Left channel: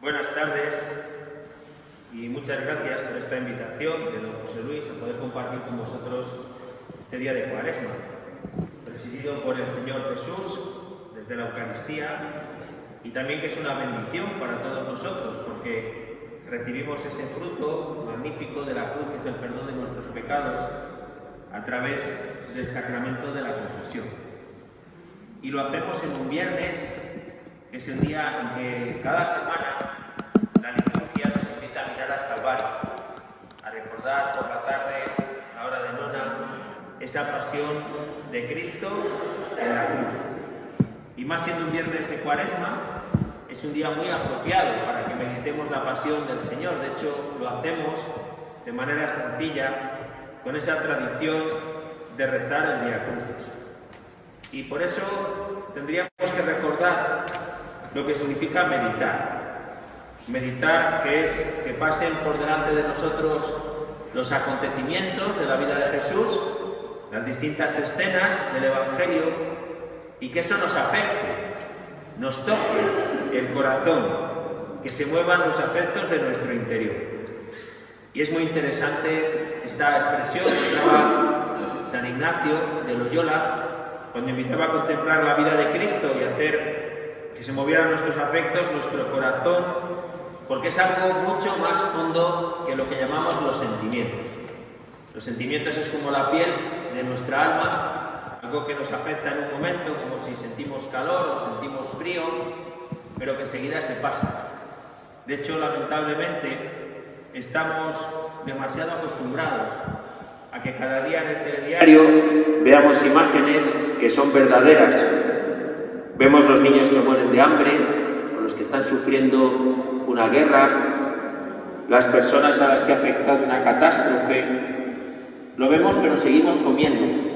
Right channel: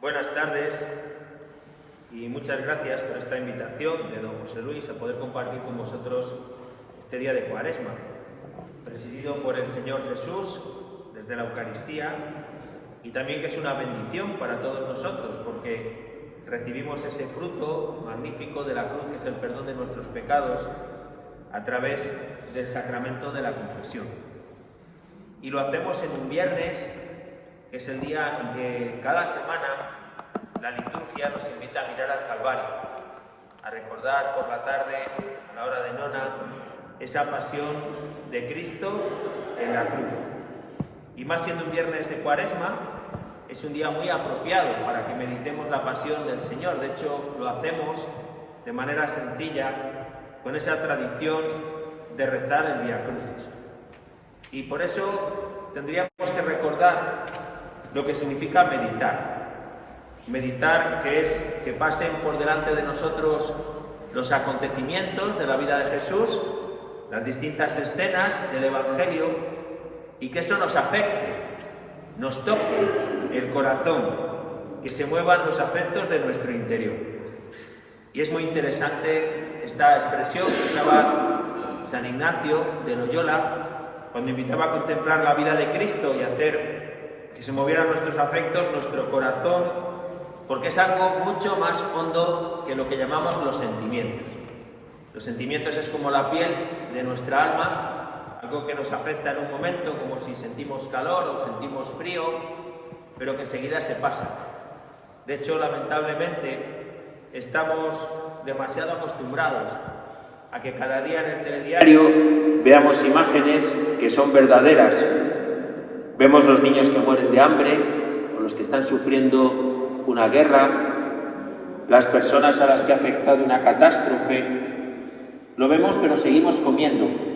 Buenas tardes y muchas gracias por esta invitación de don José Luis a poder compartir con vosotros este día de Cuaresma, presidido por el Señor Jesús desde la Eucaristía, y también que es una bendición para todos nosotros porque recibimos ese fruto magnífico de la cruz, que es el perdón de nuestros pecados, a través del sacramento de la confesión. Y lo hacemos en un viernes, que es el día en que cada semana la liturgia nos invita a mirar al Calvario, a recordar por la tarde, a la hora de nona, esa pasión de Cristo en la cruz. Y más siendo un viernes de Cuaresma, es un día muy apropiado para que meditemos la pasión del Señor. De hecho, lo hacemos de manera sencilla, con esa tradición de rezar el Vía Crucis. Y por eso tendríamos que recordar lo que significa meditar. Meditar, que es que pasen por delante de nosotros los acontecimientos de la vida de Jesús, las distintas escenas del Evangelio, y que eso nos afecte, nos toque el corazón, que se muevan los afectos de nuestro interior. Y es muy interesante esta expresión que usaba San Ignacio de Loyola cuando invitaba a contemplar la vida de Cristo y hacer que se movieran nuestros afectos, nuestro corazón, porque es algo mucho más hondo que lo que llamamos los sentimientos. Los sentimientos es como la piel de nuestra alma, algo que nos afecta en un momento, como si sentimos calor o sentimos frío, pero que enseguida se pasa. De hecho, lamentablemente, estamos demasiado acostumbrados a que cada día en el telediario veamos imágenes que son verdaderas. Vemos los niños que mueren de hambre, o los que están sufriendo una guerra, las personas a las que ha afectado una catástrofe. Lo vemos, pero seguimos comiendo.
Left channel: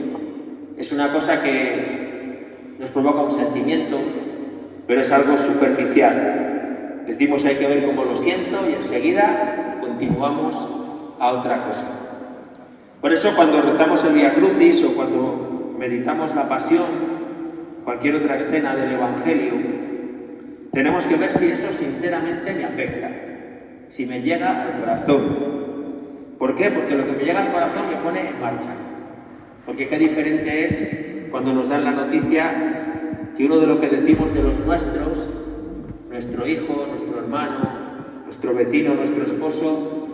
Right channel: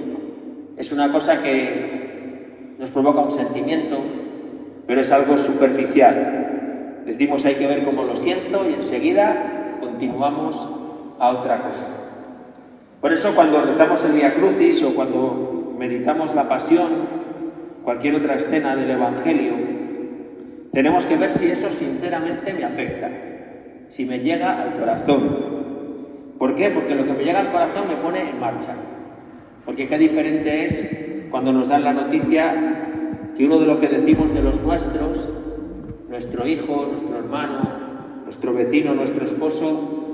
Es una cosa que nos provoca un sentimiento, pero es algo superficial. Decimos hay que ver cómo lo siento y enseguida continuamos a otra cosa. Por eso cuando rezamos el Vía Crucis o cuando meditamos la Pasión, cualquier otra escena del Evangelio, tenemos que ver si eso sinceramente me afecta, si me llega al corazón. ¿Por qué? Porque lo que me llega al corazón me pone en marcha. Porque qué diferente es cuando nos dan la noticia que uno de lo que decimos de los nuestros, nuestro hijo, nuestro hermano, nuestro vecino, nuestro esposo,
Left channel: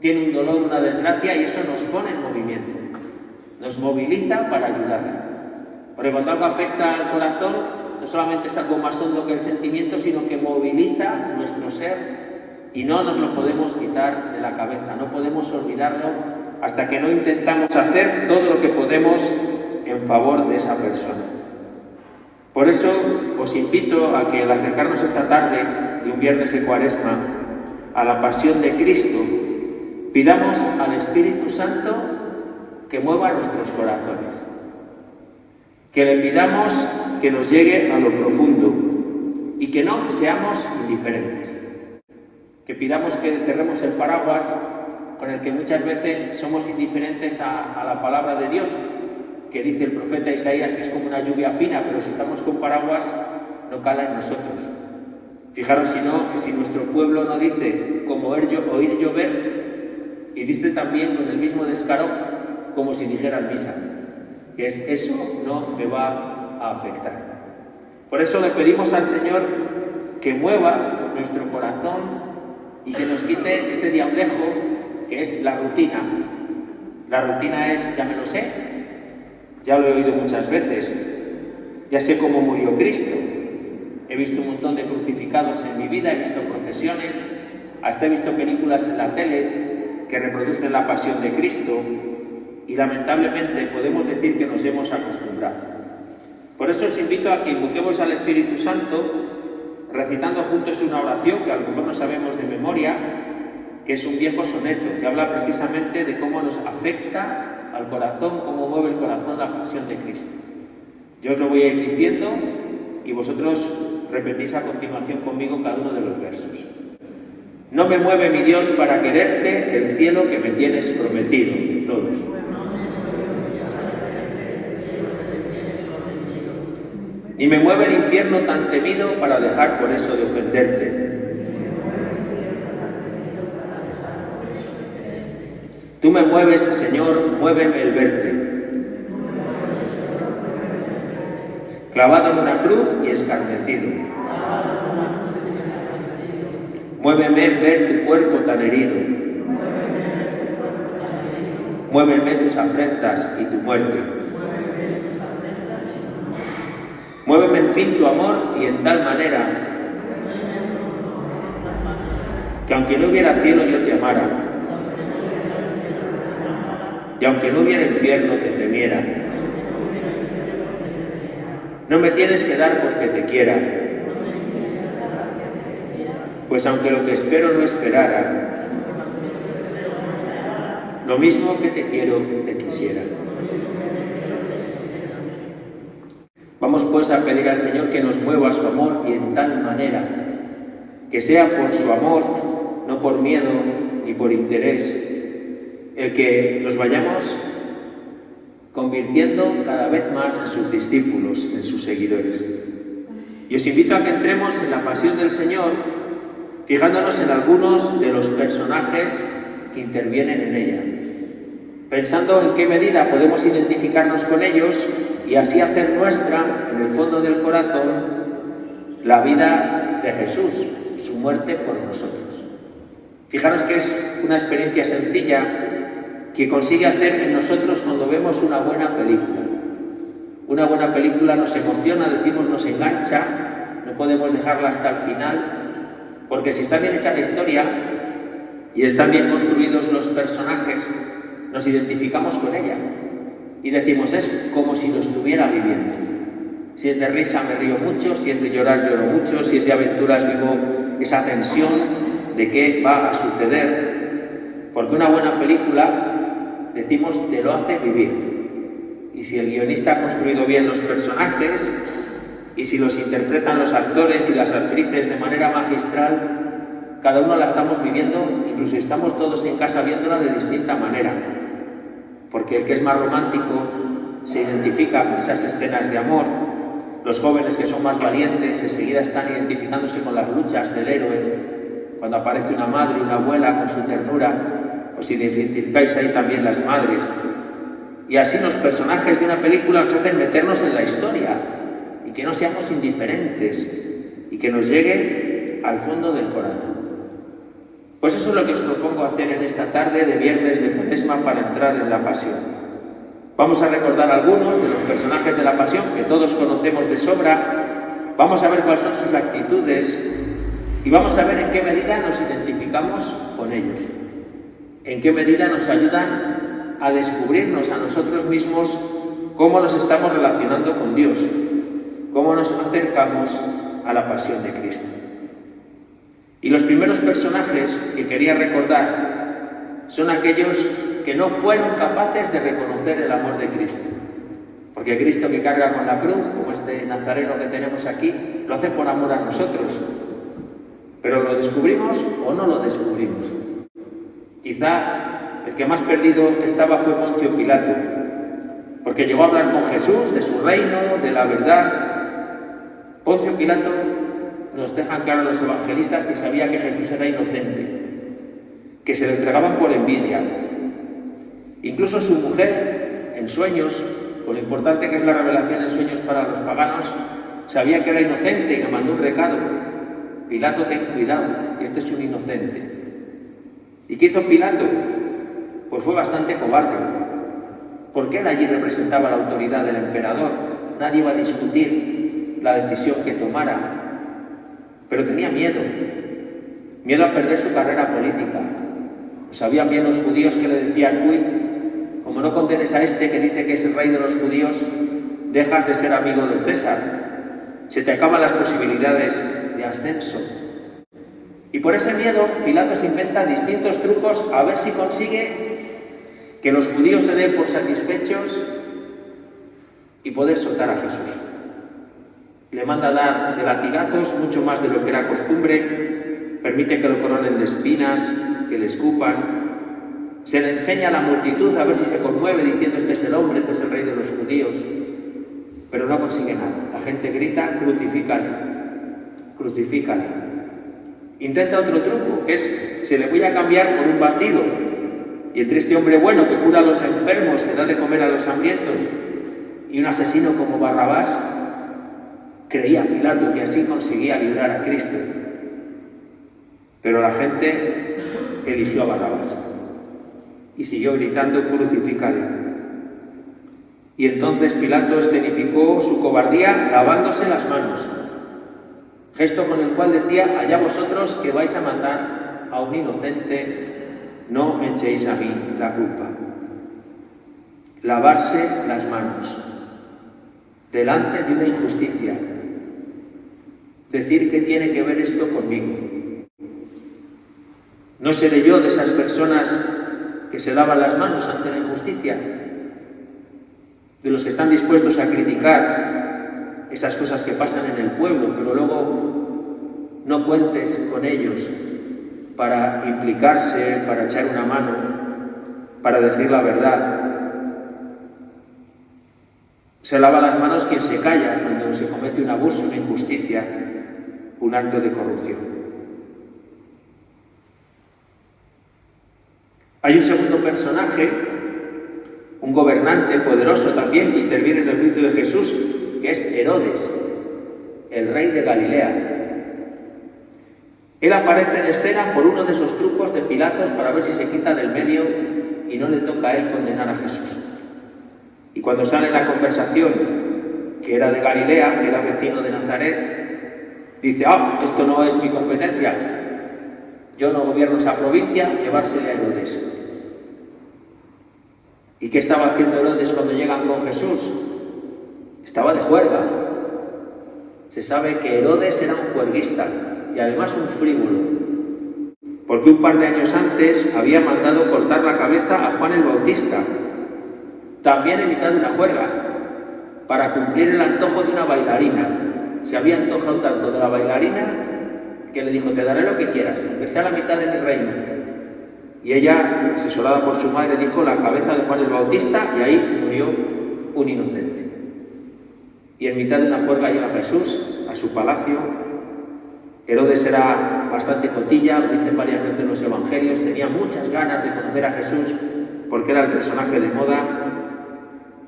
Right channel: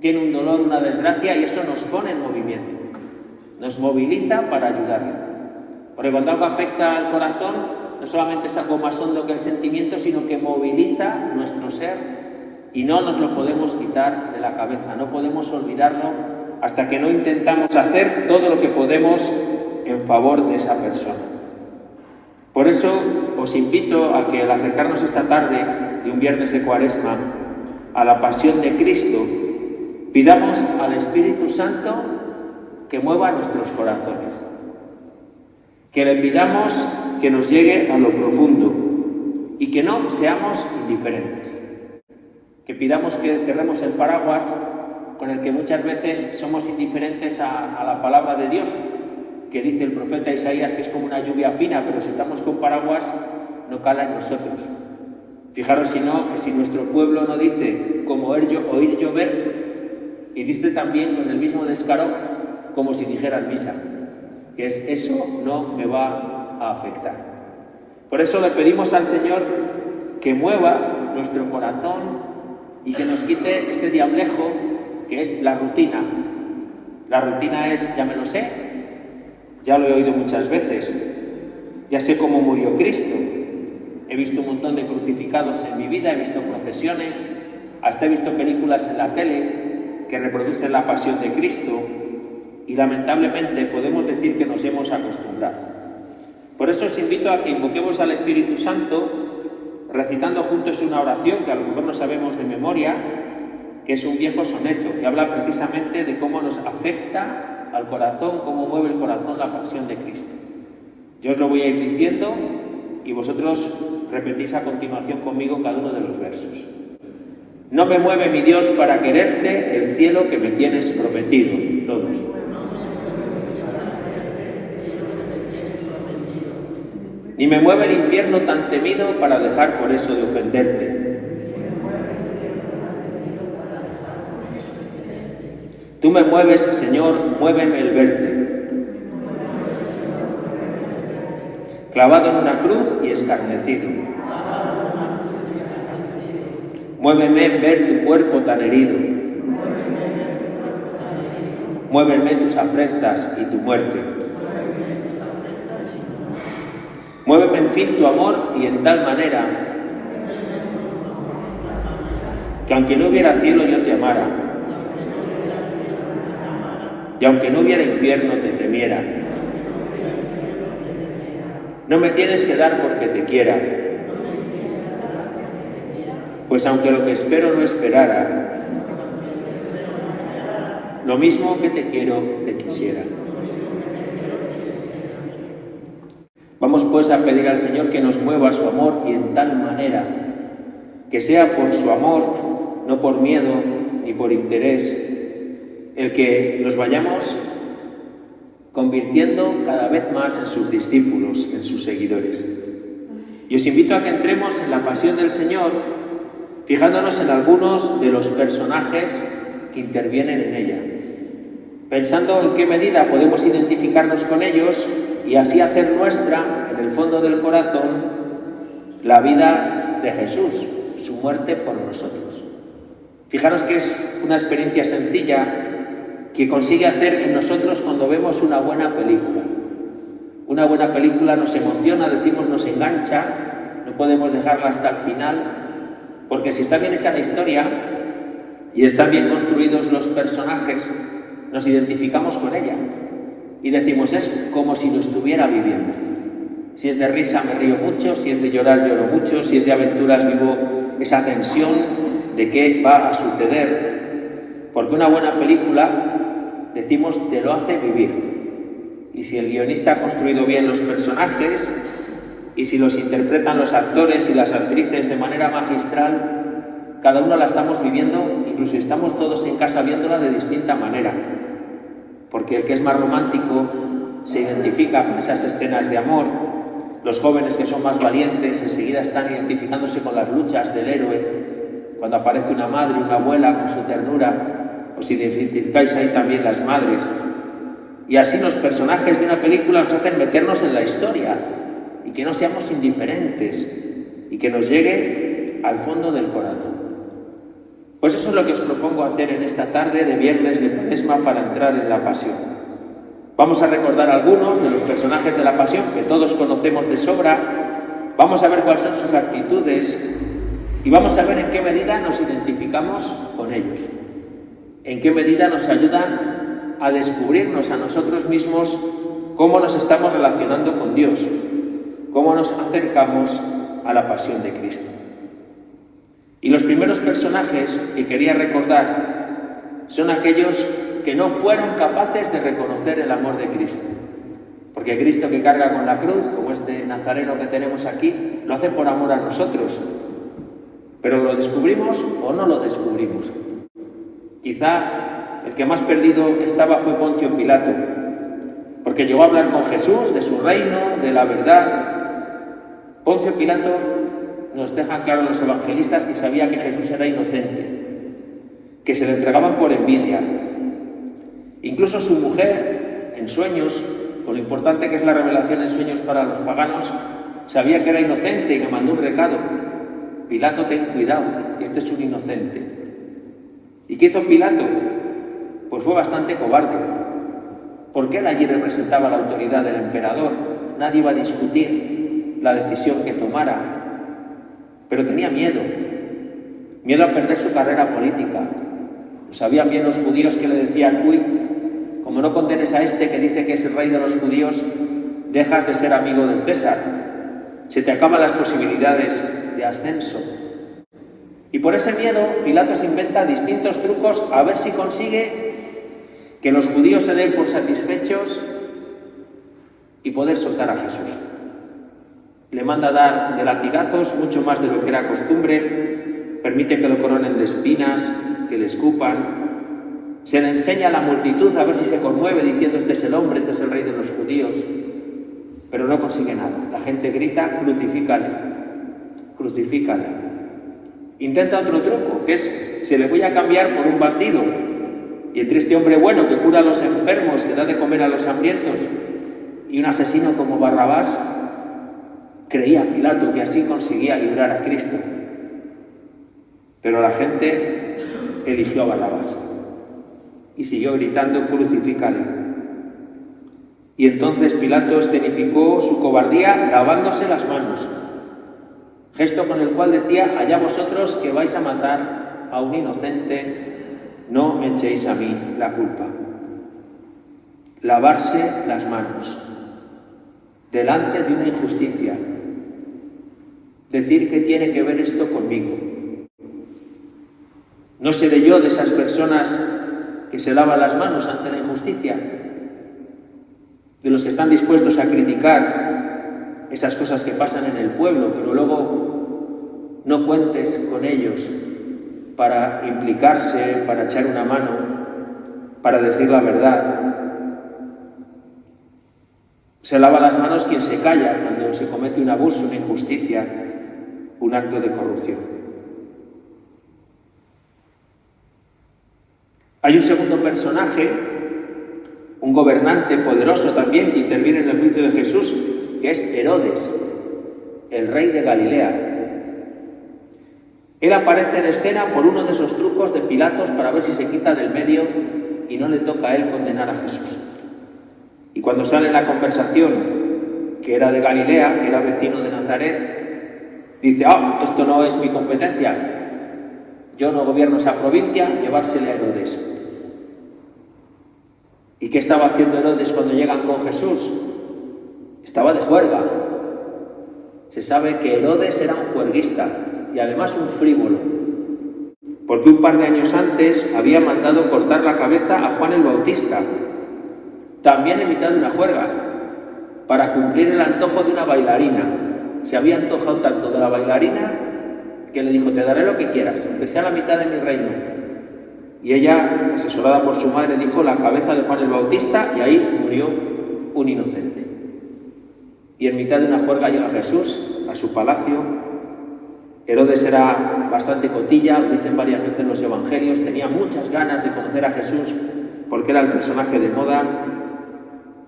tiene un dolor, una desgracia, y eso nos pone en movimiento, nos moviliza para ayudarle. Porque cuando algo afecta al corazón, no solamente es algo más hondo que el sentimiento, sino que moviliza nuestro ser y no nos lo podemos quitar de la cabeza, no podemos olvidarlo hasta que no intentamos hacer todo lo que podemos en favor de esa persona. Por eso os invito a que al acercarnos esta tarde de un viernes de Cuaresma a la pasión de Cristo, pidamos al Espíritu Santo que mueva nuestros corazones, que le pidamos que nos llegue a lo profundo y que no seamos indiferentes, que pidamos que cerremos el paraguas con el que muchas veces somos indiferentes a la palabra de Dios, que dice el profeta Isaías que es como una lluvia fina, pero si estamos con paraguas no cala en nosotros. Fijaros si nuestro pueblo no dice como oír llover, y dice también con el mismo descaro como si dijeran misa, que es eso no me va a afectar. Por eso le pedimos al Señor que mueva nuestro corazón y que nos quite ese diablejo que es la rutina. La rutina es, ya me lo sé, ya lo he oído muchas veces, ya sé cómo murió Cristo, he visto un montón de crucificados en mi vida, he visto procesiones, hasta he visto películas en la tele que reproducen la pasión de Cristo, y lamentablemente podemos decir que nos hemos acostumbrado. Por eso os invito a que invoquemos al Espíritu Santo recitando juntos una oración que a lo mejor no sabemos de memoria, que es un viejo soneto que habla precisamente de cómo nos afecta al corazón, cómo mueve el corazón la pasión de Cristo. Yo os lo voy a ir diciendo y vosotros repetís a continuación conmigo cada uno de los versos. No me mueve mi Dios para quererte el cielo que me tienes prometido. Todos. Ni me mueve el infierno tan temido para dejar por eso de ofenderte. Tú me mueves, Señor, muéveme el verte. Clavado en una cruz y escarnecido. Muéveme ver tu cuerpo tan herido. Muéveme tus afrentas y tu muerte. Muéveme en fin tu amor y en tal manera que aunque no hubiera cielo yo te amara, y aunque no hubiera infierno te temiera. No me tienes que dar porque te quiera, pues aunque lo que espero no esperara, lo mismo que te quiero te quisiera. Vamos pues a pedir al Señor que nos mueva su amor y en tal manera que sea por su amor, no por miedo ni por interés, el que nos vayamos convirtiendo cada vez más en sus discípulos, en sus seguidores. Y os invito a que entremos en la pasión del Señor, fijándonos en algunos de los personajes que intervienen en ella, pensando en qué medida podemos identificarnos con ellos y así hacer nuestra, en el fondo del corazón, la vida de Jesús, su muerte por nosotros. Fijaros que es una experiencia sencilla que consigue hacer en nosotros cuando vemos una buena película. Una buena película nos emociona, decimos, nos engancha, no podemos dejarla hasta el final, porque si está bien hecha la historia y están bien construidos los personajes, nos identificamos con ella y decimos, es como si lo estuviera viviendo. Si es de risa me río mucho, si es de llorar lloro mucho, si es de aventuras vivo esa tensión de qué va a suceder, porque una buena película, decimos, te lo hace vivir. Y si el guionista ha construido bien los personajes, y si los interpretan los actores y las actrices de manera magistral, cada uno la estamos viviendo, incluso estamos todos en casa viéndola de distinta manera. Porque el que es más romántico se identifica con esas escenas de amor. Los jóvenes que son más valientes enseguida están identificándose con las luchas del héroe. Cuando aparece una madre, una abuela con su ternura, os identificáis ahí también las madres. Y así los personajes de una película nos hacen meternos en la historia y que no seamos indiferentes y que nos llegue al fondo del corazón. Pues eso es lo que os propongo hacer en esta tarde de viernes de Cuaresma para entrar en la Pasión. Vamos a recordar algunos de los personajes de la Pasión que todos conocemos de sobra. Vamos a ver cuáles son sus actitudes y vamos a ver en qué medida nos identificamos con ellos. En qué medida nos ayudan a descubrirnos a nosotros mismos cómo nos estamos relacionando con Dios, cómo nos acercamos a la pasión de Cristo. Y los primeros personajes que quería recordar son aquellos que no fueron capaces de reconocer el amor de Cristo. Porque Cristo que carga con la cruz, como este nazareno que tenemos aquí, lo hace por amor a nosotros. Pero ¿lo descubrimos o no lo descubrimos? Quizá el que más perdido estaba fue Poncio Pilato, porque llegó a hablar con Jesús de su reino, de la verdad. Poncio Pilato nos dejan claro los evangelistas que sabía que Jesús era inocente, que se le entregaban por envidia. Incluso su mujer, en sueños, con lo importante que es la revelación en sueños para los paganos, sabía que era inocente y le mandó un recado. Pilato, ten cuidado, que este es un inocente. ¿Y qué hizo Pilato? Pues fue bastante cobarde, porque él allí representaba la autoridad del emperador. Nadie iba a discutir la decisión que tomara, pero tenía miedo a perder su carrera política. Sabían bien los judíos que le decían, uy, como no condenes a este que dice que es el rey de los judíos, dejas de ser amigo del César, se te acaban las posibilidades de ascenso. Y por ese miedo, Pilato se inventa distintos trucos a ver si consigue que los judíos se den por satisfechos y poder soltar a Jesús. Le manda dar de latigazos, mucho más de lo que era costumbre, permite que lo coronen de espinas, que le escupan. Se le enseña a la multitud a ver si se conmueve diciendo, este es el hombre, este es el rey de los judíos. Pero no consigue nada. La gente grita, crucifícale, crucifícale. Intenta otro truco, que es, se le voy a cambiar por un bandido. y entre este hombre bueno que cura a los enfermos, que da de comer a los hambrientos, y un asesino como Barrabás, creía Pilato que así conseguía librar a Cristo. Pero la gente eligió a Barrabás y siguió gritando: crucifícalo. Y entonces Pilato escenificó su cobardía lavándose las manos, gesto con el cual decía: allá vosotros que vais a matar a un inocente, no me echéis a mí la culpa. Lavarse las manos delante de una injusticia. Decir que tiene que ver esto conmigo. ¿No seré yo de esas personas que se lavan las manos ante la injusticia? De los que están dispuestos a criticar esas cosas que pasan en el pueblo, pero luego no cuentes con ellos para implicarse, para echar una mano, para decir la verdad. Se lava las manos quien se calla cuando se comete un abuso, una injusticia, un acto de corrupción. Hay un segundo personaje, un gobernante poderoso también que interviene en el juicio de Jesús, que es Herodes, el rey de Galilea. Él aparece en escena por uno de esos trucos de Pilatos para ver si se quita del medio y no le toca a él condenar a Jesús. Y cuando sale en la conversación que era de Galilea, que era vecino de Nazaret, dice: esto no es mi competencia, yo no gobierno esa provincia, llevársele a Herodes. ¿Y qué estaba haciendo Herodes cuando llegan con Jesús? Estaba de juerga. Se sabe que Herodes era un juerguista y además un frívolo, porque un par de años antes había mandado cortar la cabeza a Juan el Bautista, también en mitad de una juerga, para cumplir el antojo de una bailarina. Se había antojado tanto de la bailarina que le dijo: te daré lo que quieras, que sea la mitad de mi reino. Y ella, asesorada por su madre, dijo: la cabeza de Juan el Bautista, y ahí murió un inocente. Y en mitad de una juerga llega Jesús a su palacio. Herodes era bastante cotilla, lo dicen varias veces en los evangelios, tenía muchas ganas de conocer a Jesús porque era el personaje de moda,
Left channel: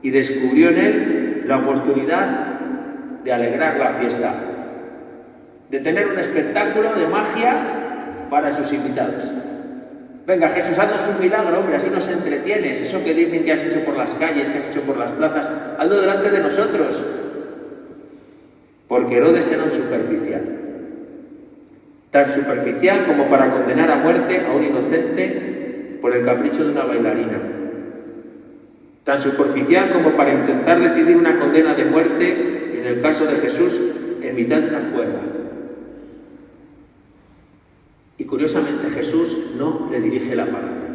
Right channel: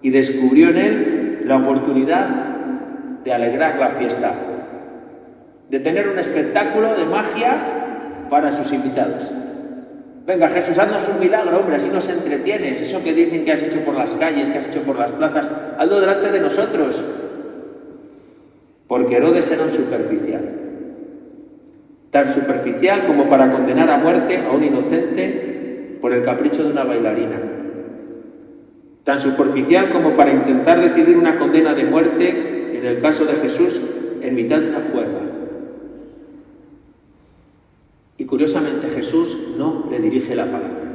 y descubrió en él la oportunidad de alegrar la fiesta, de tener un espectáculo de magia para sus invitados. Venga, Jesús, haznos un milagro, hombre, así nos entretienes. Eso que dicen que has hecho por las calles, que has hecho por las plazas, hazlo delante de nosotros. Porque Herodes era un superficial. Tan superficial como para condenar a muerte a un inocente por el capricho de una bailarina. Tan superficial como para intentar decidir una condena de muerte, en el caso de Jesús, en mitad de una juerga. Y curiosamente Jesús no le dirige la palabra.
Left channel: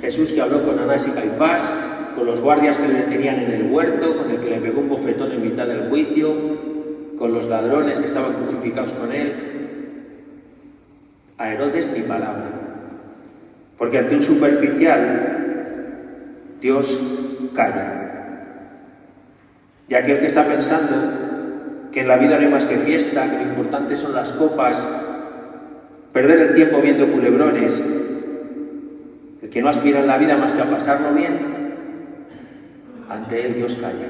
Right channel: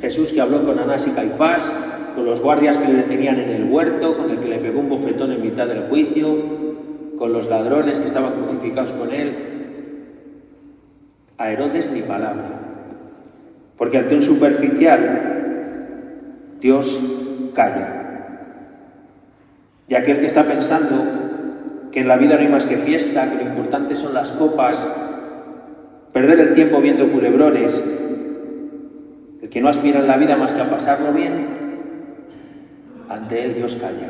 Jesús, que habló con Anás y Caifás, con los guardias que le detenían en el huerto, con el que le pegó un bofetón en mitad del juicio, con los ladrones que estaban crucificados con él. A Herodes ni palabra. Porque ante un superficial, Dios calla. Y aquel que está pensando que en la vida no hay más que fiesta, que lo importante son las copas, perder el tiempo viendo culebrones, el que no aspira en la vida más que a pasarlo bien, ante él Dios calla.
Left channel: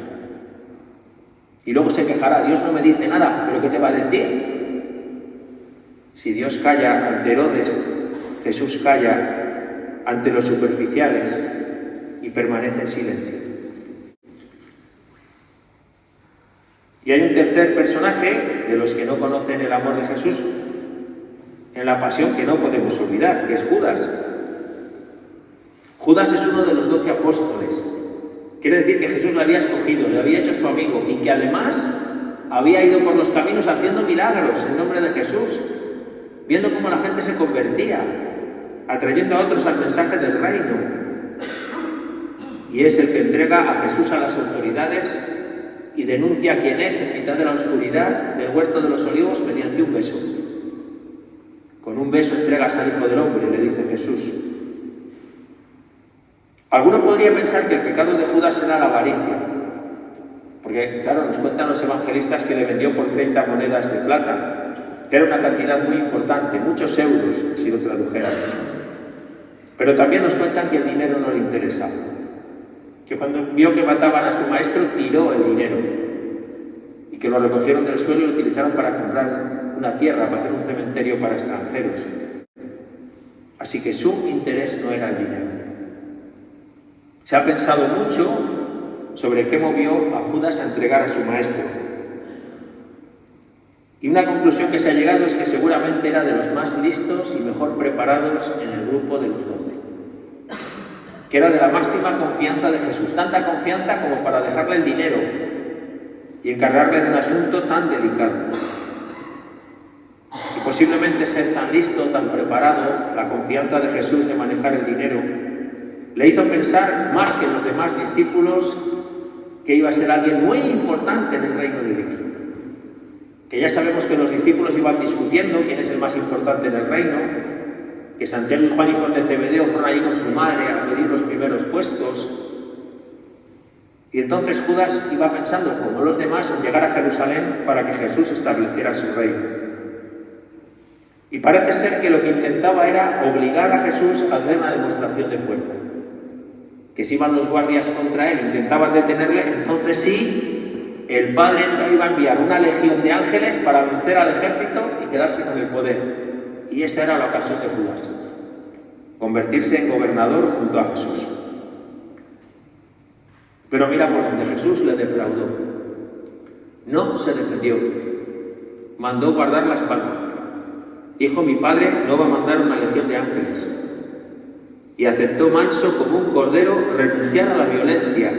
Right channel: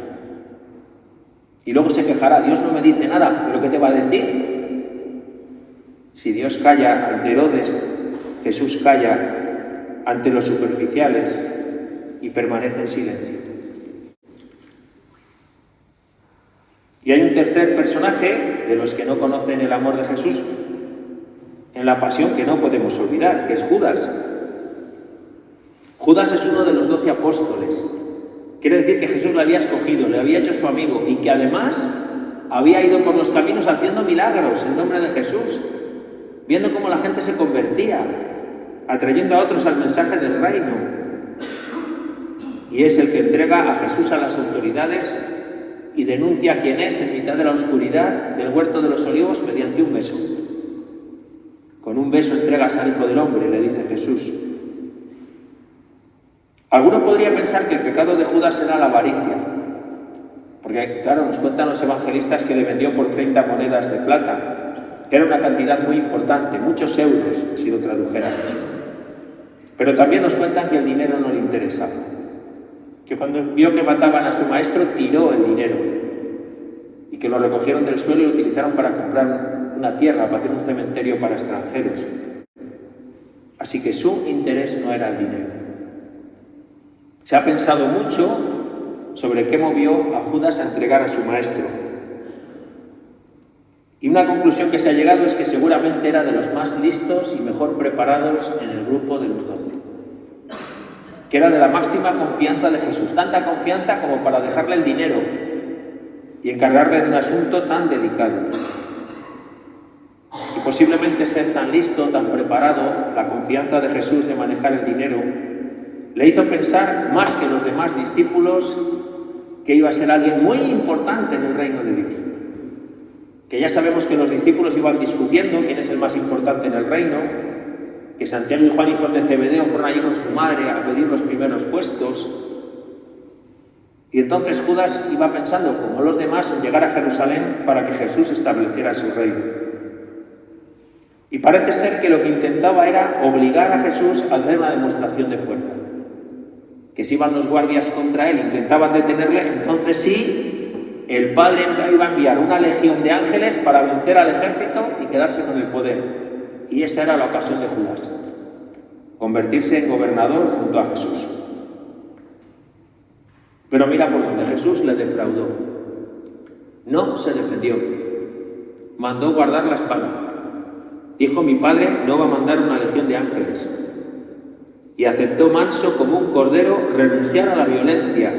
Y luego se quejará: Dios no me dice nada, ¿pero qué te va a decir? Si Dios calla ante Herodes, Jesús calla ante los superficiales y permanece en silencio. Y hay un tercer personaje de los que no conocen el amor de Jesús en la pasión que no podemos olvidar, que es Judas. Judas es uno de los 12 apóstoles. Quiere decir que Jesús le había escogido, le había hecho su amigo y que además había ido por los caminos haciendo milagros en nombre de Jesús, viendo cómo la gente se convertía, atrayendo a otros al mensaje del reino. Y es el que entrega a Jesús a las autoridades y denuncia quién es en mitad de la oscuridad del huerto de los olivos mediante un beso. Con un beso entregas al Hijo del Hombre, le dice Jesús. Alguno podría pensar que el pecado de Judas era la avaricia, porque claro, nos cuentan los evangelistas que le vendió por 30 monedas de plata, que era una cantidad muy importante, muchos euros si lo tradujéramos. Pero también nos cuentan que el dinero no le interesaba. Que cuando vio que mataban a su maestro, tiró el dinero. Y que lo recogieron del suelo y lo utilizaron para comprar una tierra, para hacer un cementerio para extranjeros. Así que su interés no era el dinero. Se ha pensado mucho sobre qué movió a Judas a entregar a su maestro. Y una conclusión que se ha llegado es que seguramente era de los más listos y mejor preparados en el grupo de los 12. Que era de la máxima confianza de Jesús, tanta confianza como para dejarle el dinero y encargarle de un asunto tan delicado. Y posiblemente ser tan listo, tan preparado, la confianza de Jesús de manejar el dinero, le hizo pensar más que los demás discípulos que iba a ser alguien muy importante en el reino de Dios. Que ya sabemos que los discípulos iban discutiendo quién es el más importante en el reino, que Santiago y Juan, hijos de Zebedeo, fueron allí con su madre a pedir los primeros puestos. Y entonces Judas iba pensando, como los demás, en llegar a Jerusalén para que Jesús estableciera su reino. Y parece ser que lo que intentaba era obligar a Jesús a hacer una demostración de fuerza. Que si iban los guardias contra él, intentaban detenerle, entonces sí, el Padre iba a enviar una legión de ángeles para vencer al ejército y quedarse con el poder. Y esa era la ocasión de Judas, convertirse en gobernador junto a Jesús. Pero mira por donde Jesús le defraudó. No se defendió, mandó guardar la espada. Dijo: mi Padre no va a mandar una legión de ángeles. Y aceptó manso como un cordero renunciar a la violencia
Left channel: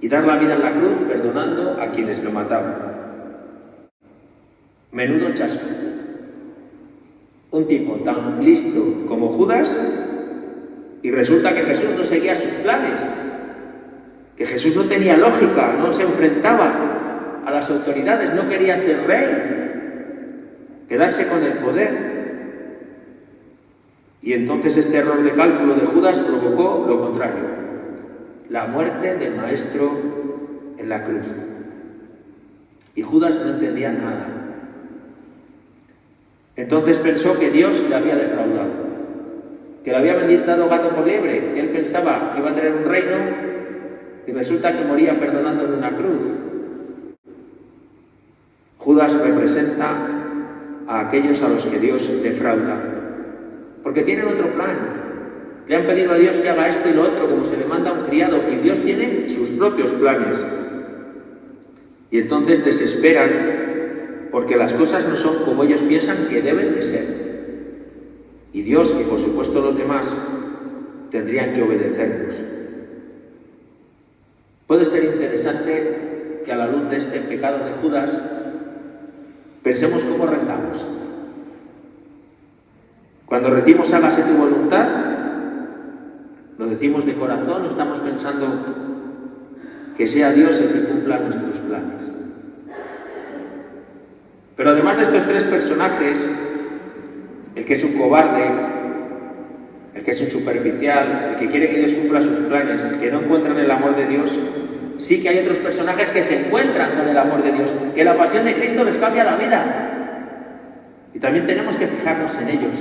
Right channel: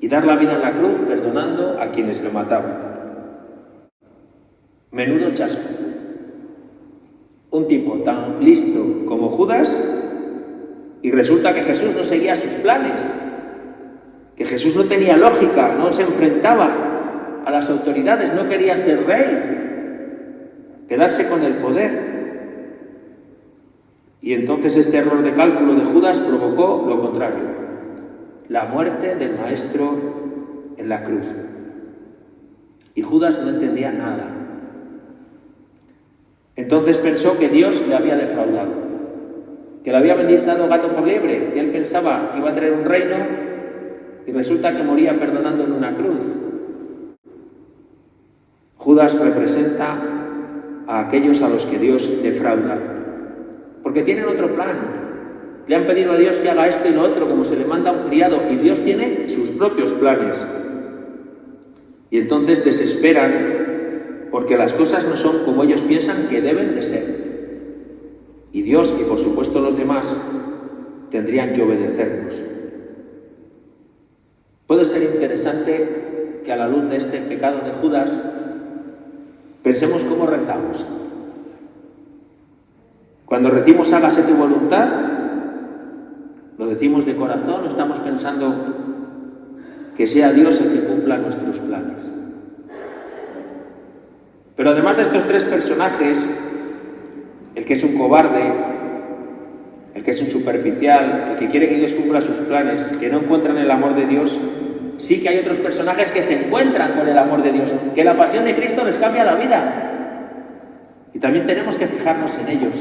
y dar la vida en la cruz perdonando a quienes le mataban. Menudo chasco. Un tipo tan listo como Judas, y resulta que Jesús no seguía sus planes, que Jesús no tenía lógica, no se enfrentaba a las autoridades, no quería ser rey, quedarse con el poder. Y entonces este error de cálculo de Judas provocó lo contrario, la muerte del Maestro en la cruz. Y Judas no entendía nada. Entonces pensó que Dios le había defraudado, que le había dado gato por liebre, que él pensaba que iba a tener un reino y resulta que moría perdonando en una cruz. Judas representa a aquellos a los que Dios defrauda, porque tienen otro plan. Le han pedido a Dios que haga esto y lo otro, como se le manda a un criado, y Dios tiene sus propios planes. Y entonces desesperan porque las cosas no son como ellos piensan que deben de ser. Y Dios, y por supuesto los demás, tendrían que obedecernos. Puede ser interesante que a la luz de este pecado de Judas pensemos cómo rezamos. Cuando decimos hágase tu voluntad, lo decimos de corazón o estamos pensando que sea Dios el que cumpla nuestros planes. Pero además de estos tres personajes, el que es un cobarde, el que es un superficial, el que quiere que Dios cumpla sus planes, que no encuentran el amor de Dios, sí que hay otros personajes que se encuentran con el amor de Dios, que la pasión de Cristo les cambia la vida. Y también tenemos que fijarnos en ellos,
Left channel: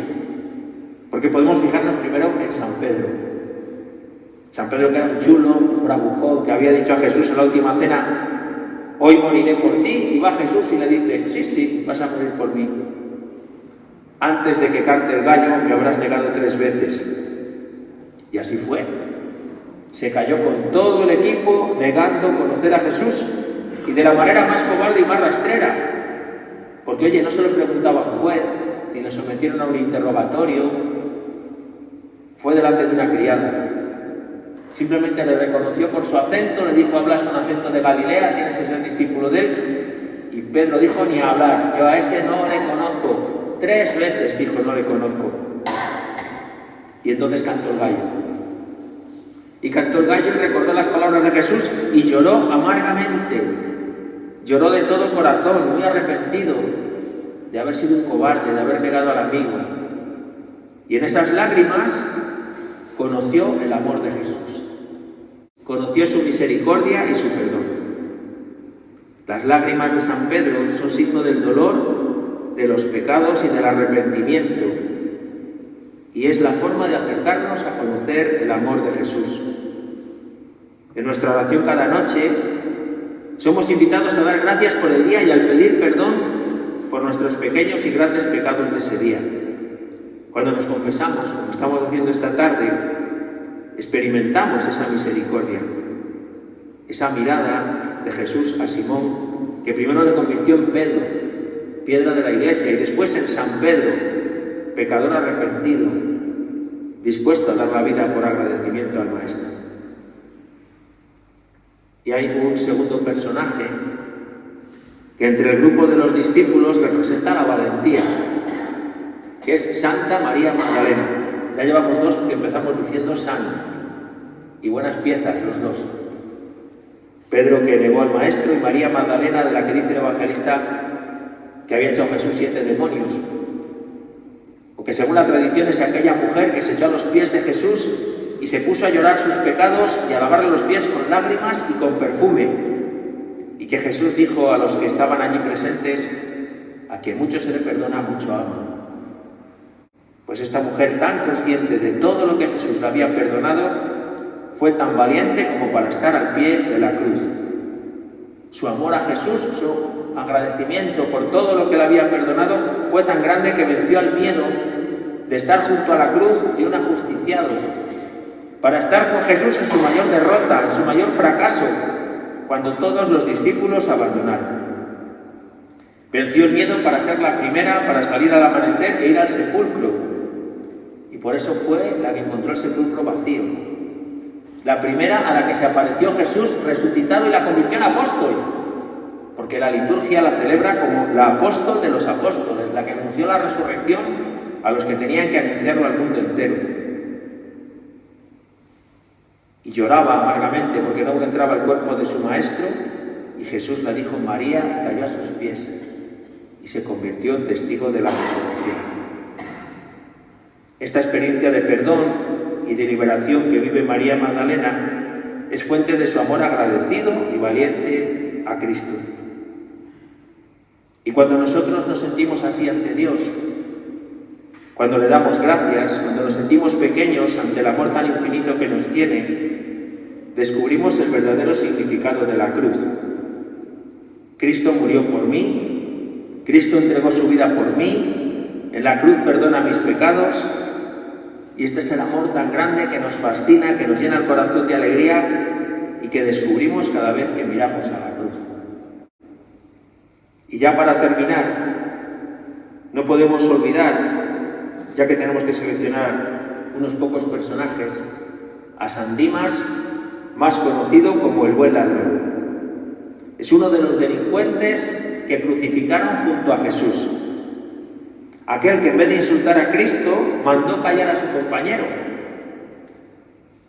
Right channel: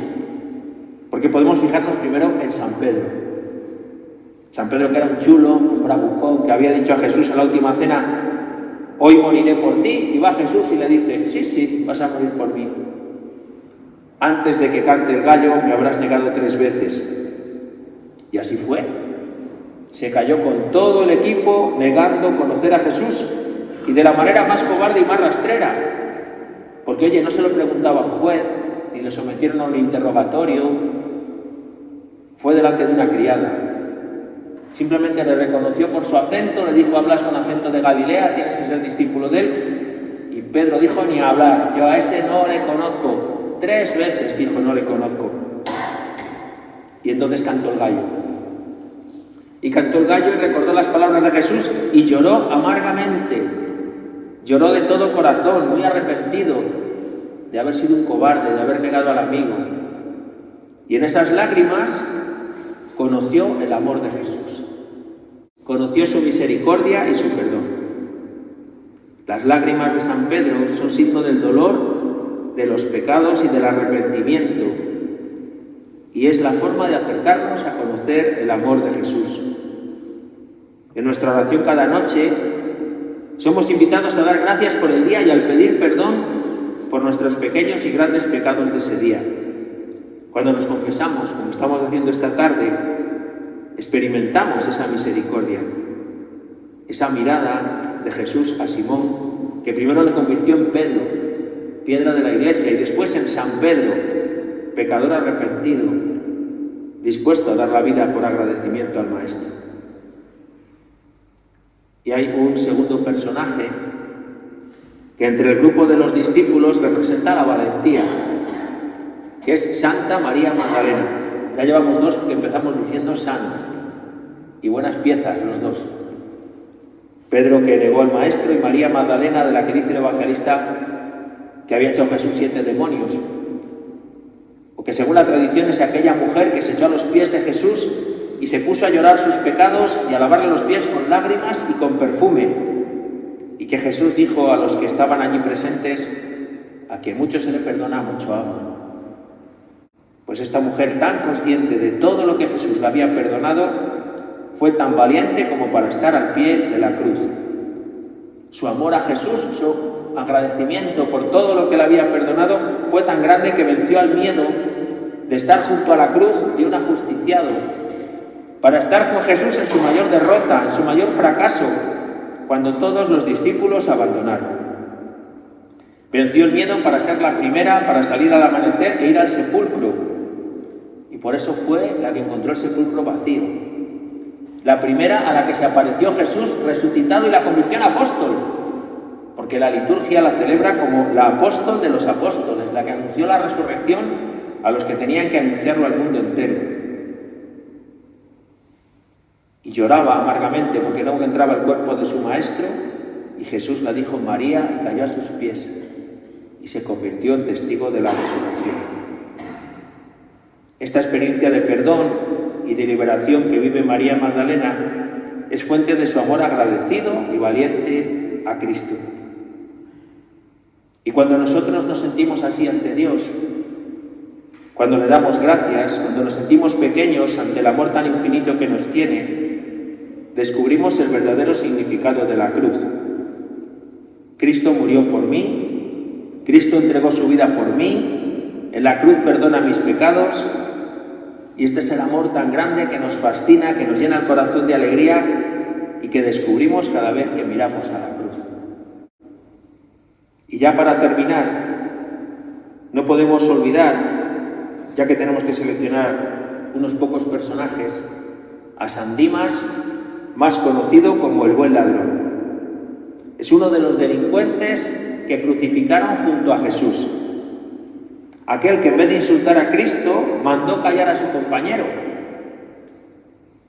porque podemos fijarnos primero en San Pedro. San Pedro, que era un chulo, un bravucón, que había dicho a Jesús en la última cena: hoy moriré por ti. Y va Jesús y le dice: sí, vas a morir por mí. Antes de que cante el gallo me habrás negado 3 veces. Y así fue. Se cayó con todo el equipo negando conocer a Jesús, y de la manera más cobarde y más rastrera. Porque oye, no se lo preguntaba a un juez, ni le sometieron a un interrogatorio. Fue delante de una criada. Simplemente le reconoció por su acento, le dijo: hablas con acento de Galilea, tienes que ser discípulo de él. Y Pedro dijo: ni hablar, yo a ese no le conozco. 3 veces dijo: no le conozco. Y entonces cantó el gallo. Y cantó el gallo y recordó las palabras de Jesús y lloró amargamente. Lloró de todo corazón, muy arrepentido de haber sido un cobarde, de haber negado al amigo. Y en esas lágrimas conoció el amor de Jesús. Conoció su misericordia y su perdón. Las lágrimas de San Pedro son signo del dolor, de los pecados y del arrepentimiento. y es la forma de acercarnos a conocer el amor de Jesús. En nuestra oración cada noche somos invitados a dar gracias por el día y al pedir perdón por nuestros pequeños y grandes pecados de ese día. Cuando nos confesamos, como estamos haciendo esta tarde, experimentamos esa misericordia, esa mirada de Jesús a Simón, que primero le convirtió en Pedro, piedra de la iglesia, y después en San Pedro, pecador arrepentido, dispuesto a dar la vida por agradecimiento al Maestro. Y hay un segundo personaje que entre el grupo de los discípulos representa la valentía, que es Santa María Magdalena. Ya llevamos dos que empezamos diciendo San, y buenas piezas los dos. Pedro, que negó al Maestro, y María Magdalena, de la que dice el evangelista que había echado Jesús 7 demonios, o que según la tradición es aquella mujer que se echó a los pies de Jesús y se puso a llorar sus pecados y a lavarle los pies con lágrimas y con perfume, y que Jesús dijo a los que estaban allí presentes: a quien mucho se le perdona, mucho ama. Pues esta mujer, tan consciente de todo lo que Jesús le había perdonado, fue tan valiente como para estar al pie de la cruz. Su amor a Jesús, su agradecimiento por todo lo que le había perdonado, fue tan grande que venció al miedo de estar junto a la cruz de un ajusticiado, para estar con Jesús en su mayor derrota, en su mayor fracaso, cuando todos los discípulos abandonaron. Venció el miedo para ser la primera, para salir al amanecer e ir al sepulcro. Y por eso fue la que encontró el sepulcro vacío. La primera a la que se apareció Jesús resucitado y la convirtió en apóstol. Porque la liturgia la celebra como la apóstol de los apóstoles, la que anunció la resurrección a los que tenían que anunciarlo al mundo entero. Y lloraba amargamente porque no encontraba el cuerpo de su Maestro, y Jesús la dijo María y cayó a sus pies y se convirtió en testigo de la resurrección. Esta experiencia de perdón y de liberación que vive María Magdalena es fuente de su amor agradecido y valiente a Cristo. Y cuando nosotros nos sentimos así ante Dios, cuando le damos gracias, cuando nos sentimos pequeños ante el amor tan infinito que nos tiene, descubrimos el verdadero significado de la cruz. Cristo murió por mí, Cristo entregó su vida por mí, en la cruz perdona mis pecados, y este es el amor tan grande que nos fascina, que nos llena el corazón de alegría y que descubrimos cada vez que miramos a la cruz. Y ya para terminar, no podemos olvidar, ya que tenemos que seleccionar unos pocos personajes, a San Dimas, más conocido como el buen ladrón. Es uno de los delincuentes que crucificaron junto a Jesús. Aquel que en vez de insultar a Cristo, mandó callar a su compañero.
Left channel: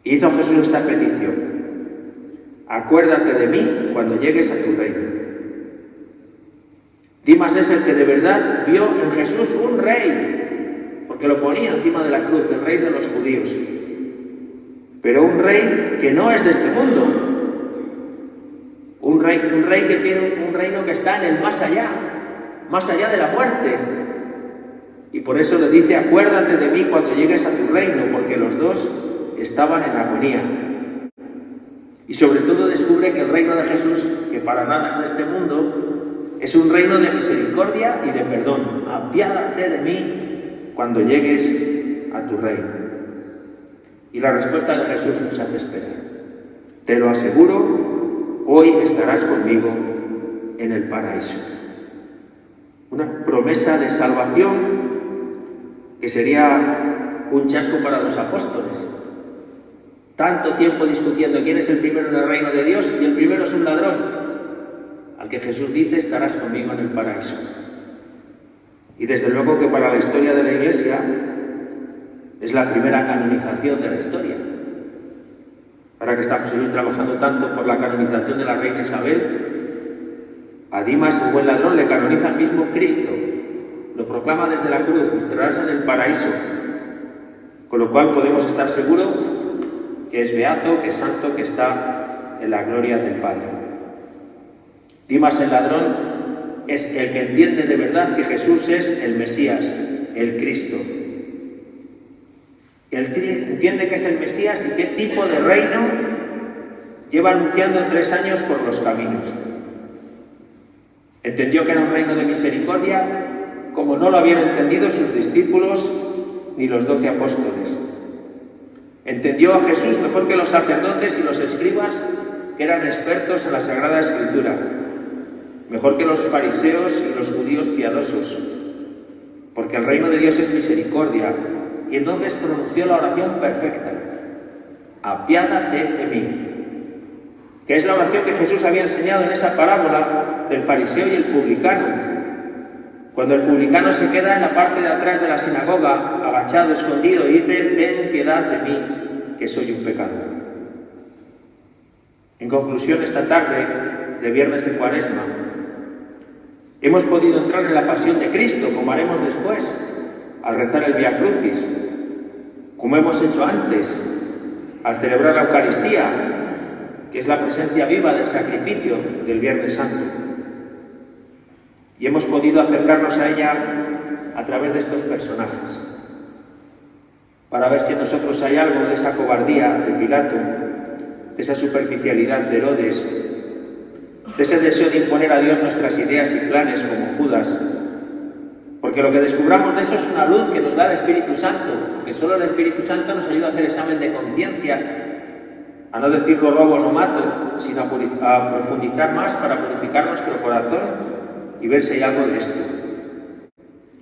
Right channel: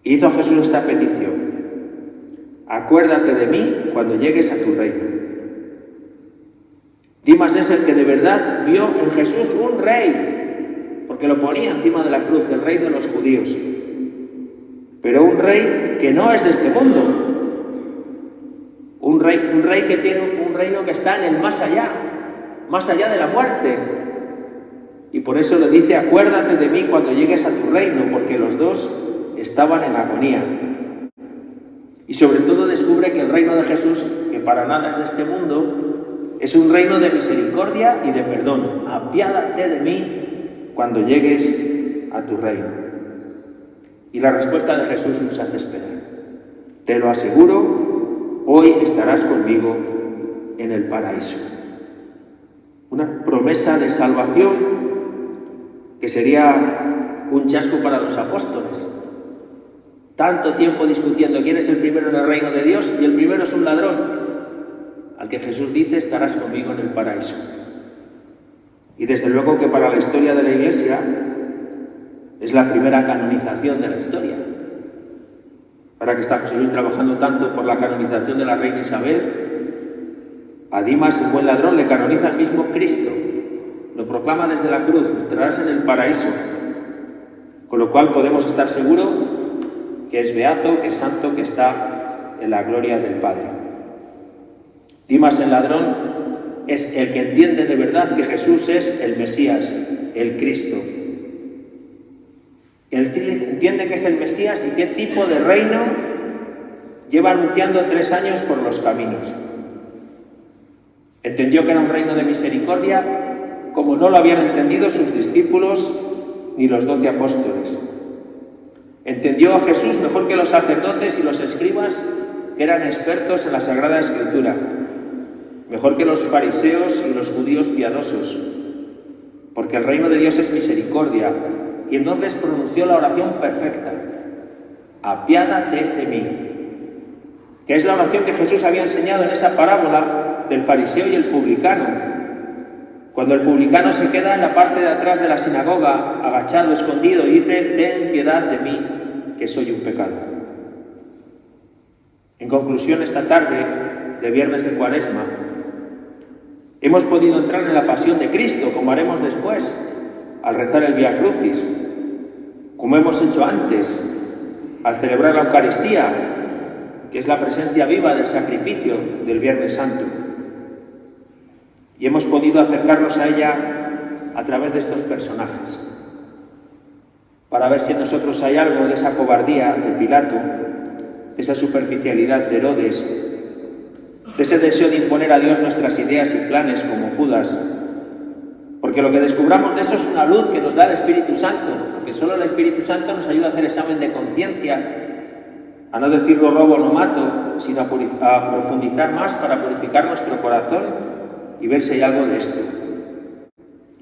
Hizo Jesús esta petición: acuérdate de mí cuando llegues a tu reino. Dimas es el que de verdad vio en Jesús un rey, porque lo ponía encima de la cruz, el rey de los judíos. Pero un rey que no es de este mundo. Un rey que tiene un reino que está en el más allá de la muerte. Y por eso le dice: acuérdate de mí cuando llegues a tu reino, porque los dos estaban en armonía. Y sobre todo descubre que el reino de Jesús, que para nada es de este mundo, es un reino de misericordia y de perdón. Apiádate de mí cuando llegues a tu reino. Y la respuesta de Jesús nos hace esperar. Te lo aseguro, hoy estarás conmigo en el paraíso. Una promesa de salvación que sería un chasco para los apóstoles. Tanto tiempo discutiendo quién es el primero en el reino de Dios, y el primero es un ladrón, al que Jesús dice: estarás conmigo en el paraíso. Y desde luego que para la historia de la Iglesia es la primera canonización de la historia. Ahora que está José Luis trabajando tanto por la canonización de la reina Isabel, a Dimas, el buen ladrón, le canoniza el mismo Cristo. Lo proclama desde la cruz: estarás en el paraíso. Con lo cual podemos estar seguros que es beato, que es santo, que está en la gloria del Padre. Dimas, el ladrón, es el que entiende de verdad que Jesús es el Mesías, el Cristo. Él entiende que es el Mesías y qué tipo de reino lleva anunciando 3 años por los caminos. Entendió que era un reino de misericordia, como no lo habían entendido sus discípulos ni los 12 apóstoles. Entendió a Jesús mejor que los sacerdotes y los escribas, que eran expertos en la Sagrada Escritura, mejor que los fariseos y los judíos piadosos, porque el reino de Dios es misericordia. Y entonces pronunció la oración perfecta: apiádate de mí, que es la oración que Jesús había enseñado en esa parábola del fariseo y el publicano, cuando el publicano se queda en la parte de atrás de la sinagoga, agachado, escondido, y dice: ten piedad de mí, que soy un pecador. En conclusión, esta tarde de viernes de Cuaresma, hemos podido entrar en la pasión de Cristo, como haremos después, al rezar el Vía Crucis, como hemos hecho antes, al celebrar la Eucaristía, que es la presencia viva del sacrificio del Viernes Santo. Y hemos podido acercarnos a ella a través de estos personajes, para ver si en nosotros hay algo de esa cobardía de Pilato, de esa superficialidad de Herodes, de ese deseo de imponer a Dios nuestras ideas y planes como Judas. Porque lo que descubramos de eso es una luz que nos da el Espíritu Santo, porque solo el Espíritu Santo nos ayuda a hacer examen de conciencia, a no decir lo robo, no mato, sino a profundizar más para purificar nuestro corazón y ver si hay algo de esto.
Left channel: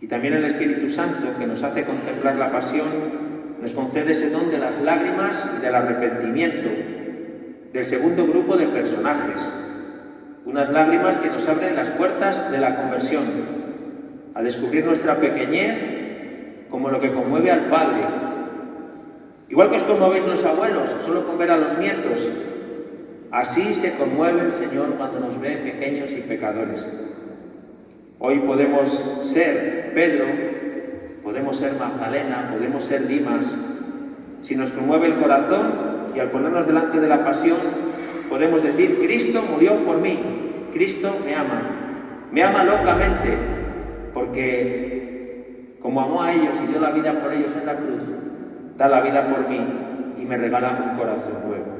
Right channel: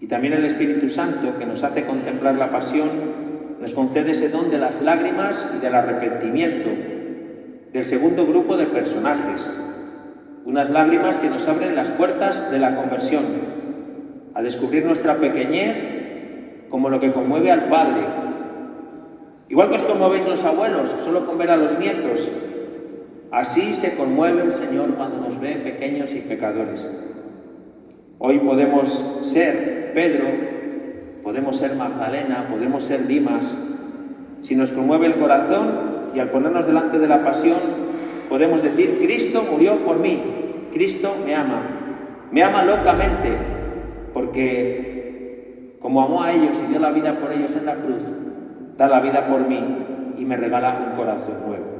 Y también el Espíritu Santo, que nos hace contemplar la pasión, nos concede ese don de las lágrimas y del arrepentimiento, del segundo grupo de personajes. Unas lágrimas que nos abren las puertas de la conversión, a descubrir nuestra pequeñez como lo que conmueve al Padre. Igual que os conmovéis los abuelos, solo con ver a los nietos, así se conmueve el Señor cuando nos ve pequeños y pecadores. Hoy podemos ser Pedro, podemos ser Magdalena, podemos ser Dimas. Si nos conmueve el corazón y al ponernos delante de la pasión, podemos decir: Cristo murió por mí, Cristo me ama locamente, porque como amó a ellos y dio la vida por ellos en la cruz, da la vida por mí y me regala un corazón nuevo.